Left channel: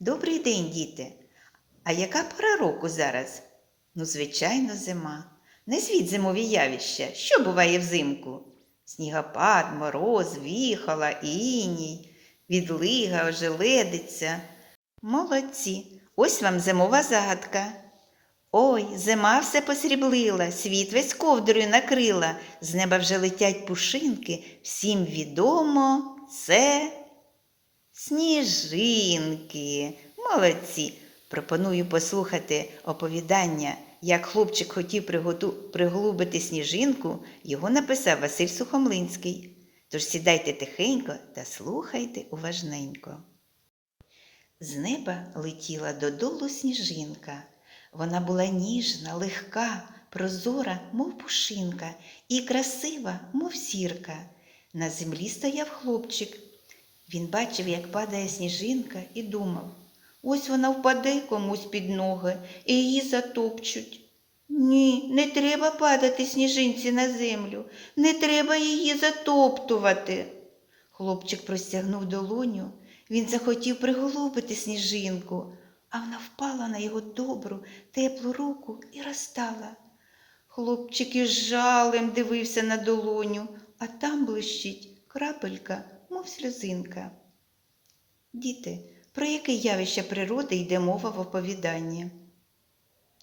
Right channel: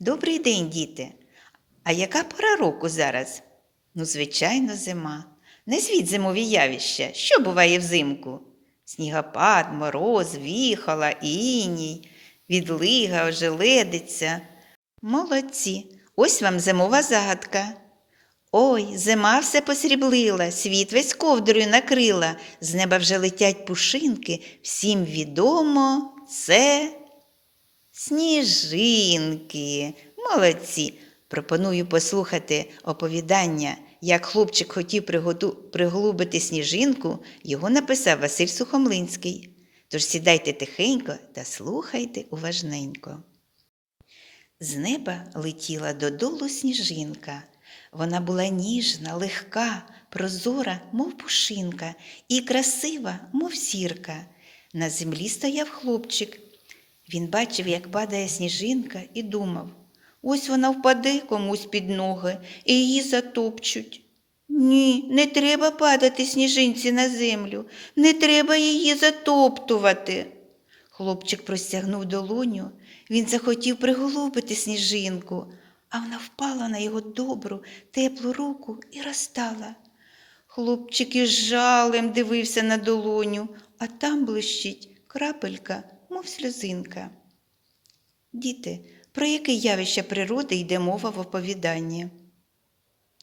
Добрий день, діти. А яка пора року зараз? Ну, звичайно, зима. Назвіть зимові явища. Що буває взимку? Снігопад, мороз, віхола, іній, відлига, ожеледиця. Молодці. Ось вам зимова загадка. Ой, зима все посріблила, світ весь ковдрою накрила, з неба вже летять пушинки, всім відомо це сніжинки. Молодці. Пропоную послухати оповідання, як хлопчик хотів приготу... приголубити сніжинку, його написав Василь Сухомлинський. Тож сідайте тихенько та слухайте уважненько. З неба летіла додолу сніжинка. Вона була ніжна, легка, прозора, мов пушинка, і красива, мов зірка. На землі стояв хлопчик. Він бачив, як падає сніжинка, і думав ось вона впаде комусь під ноги і її затопчуть. Ні, не треба падати сніжинці на землю, не треба її затоптувати. Хлопчик простягнув долоню, він захотів приголубити сніжинку, а вона впала на його добру, теплу руку і розтала. Хлопчик із жалем дивився на долоню, а там блищить крапелька, мов сльозинка. Діти, про яке явище природи йде мова в оповіданні?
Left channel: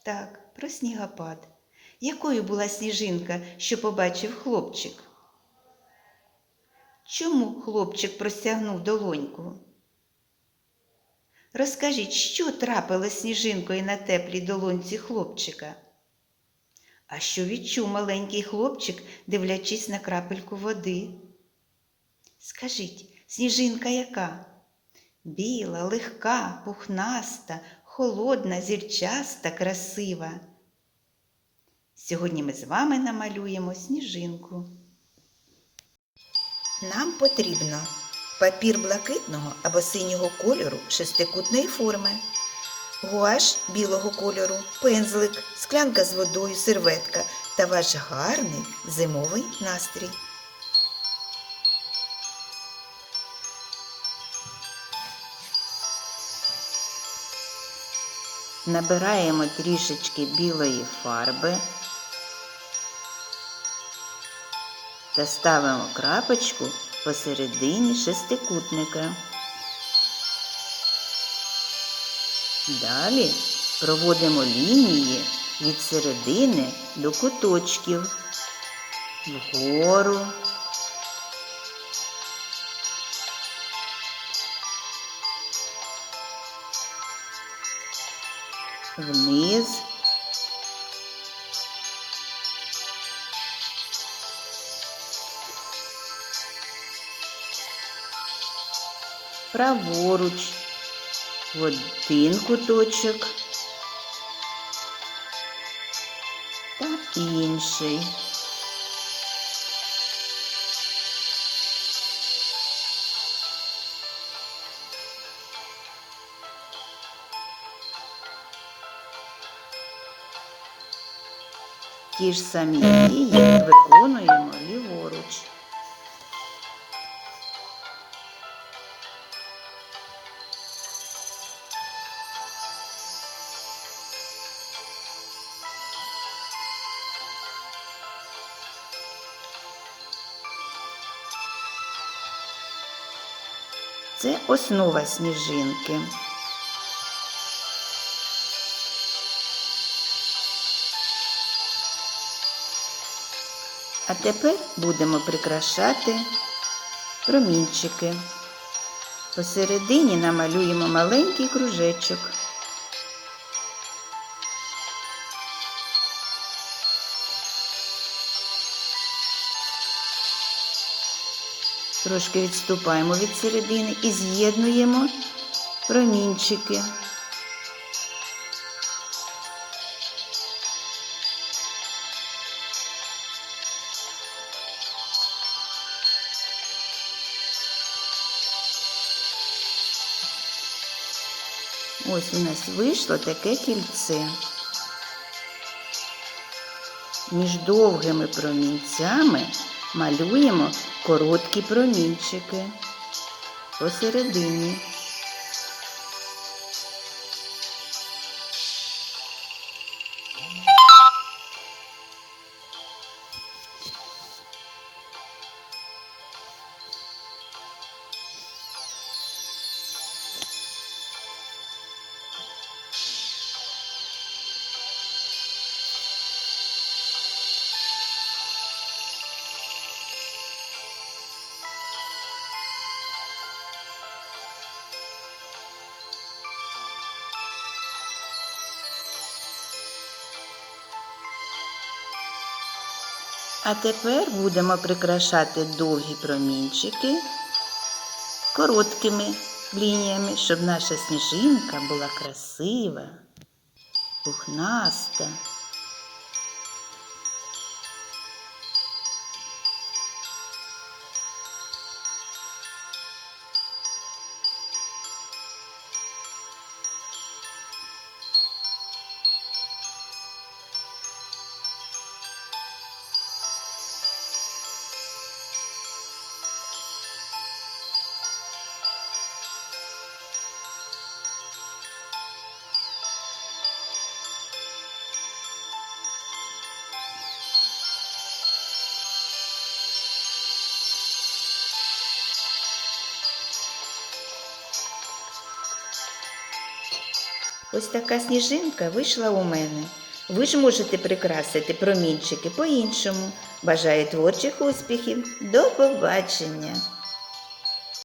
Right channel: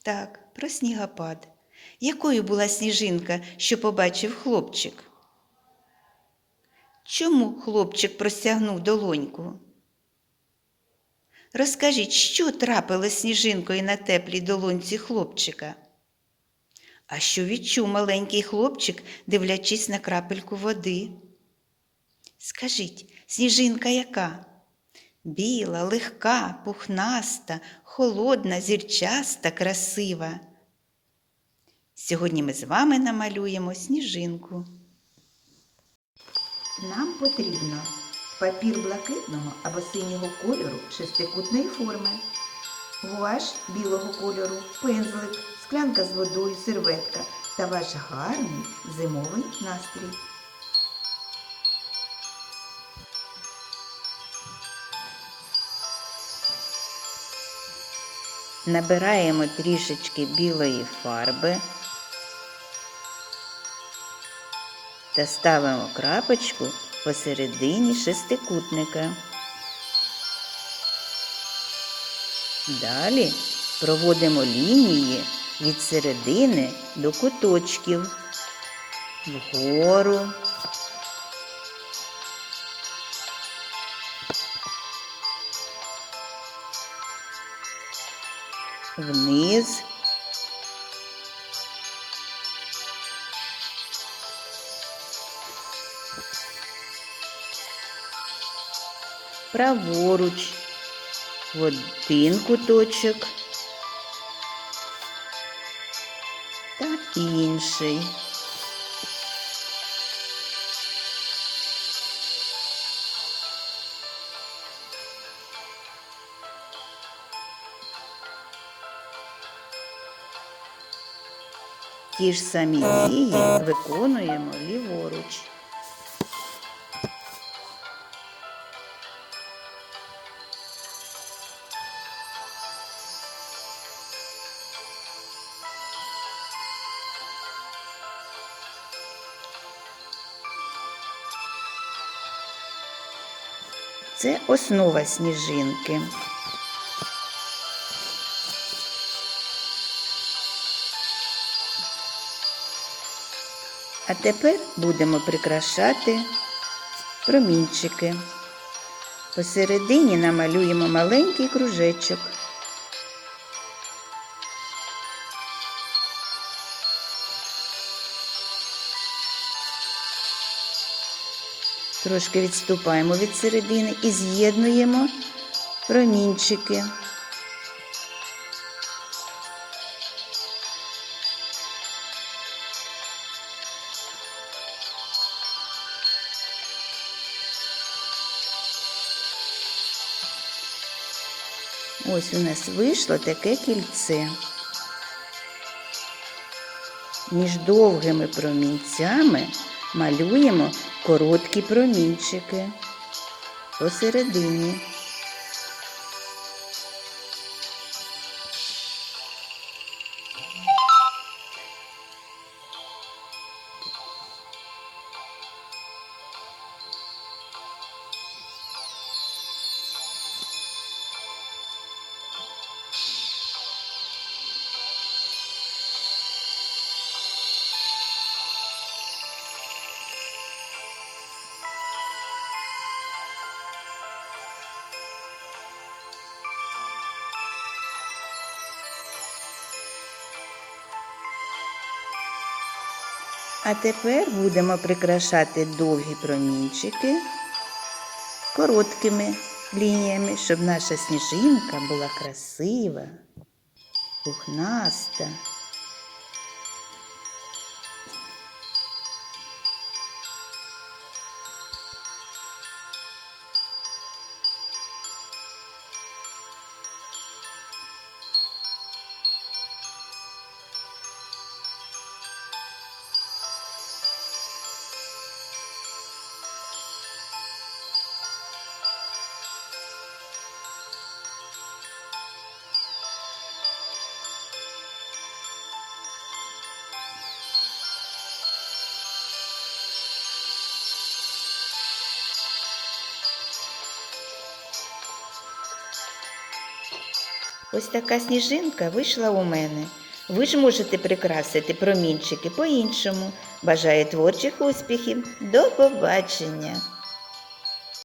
Так, про снігопад. Якою була сніжинка, що побачив хлопчик? Чому хлопчик простягнув долоньку? Розкажіть, що трапилось сніжинкою на теплій долонці хлопчика? А що відчув маленький хлопчик, дивлячись на крапельку води? Скажіть, сніжинка яка? Біла, легка, пухнаста, холодна, зірчаста, красива. Сьогодні ми з вами намалюємо сніжинку. Нам потрібно папір блакитного або синього кольору шестикутної форми, гуаш білого кольору, пензлик, склянка з водою, серветка та ваш гарний зимовий настрій. Набираємо трішечки білої фарби та ставимо крапочку посередині шестикутника. Далі проводимо лінії від середини до куточків вгору. Вниз. праворуч в один куточок та інший. Ті ж самі дії виконуємо ліворуч. Це основа сніжинки. А тепер будемо прикрашати промінчики. Посередині намалюємо маленький кружечок. Трошки відступаємо від середини і з'єднуємо промінчики. Ось у нас вийшло таке кільце. Між довгими промінцями малюємо короткі промінчики посередині. А тепер будемо прикрашати довгі промінчики короткими лініями, щоб наша сніжинка була красива, пухнаста. Ось така сніжинка вийшла у мене. Ви ж можете прикрасити промінчики по-іншому. Бажаю творчих успіхів. До побачення!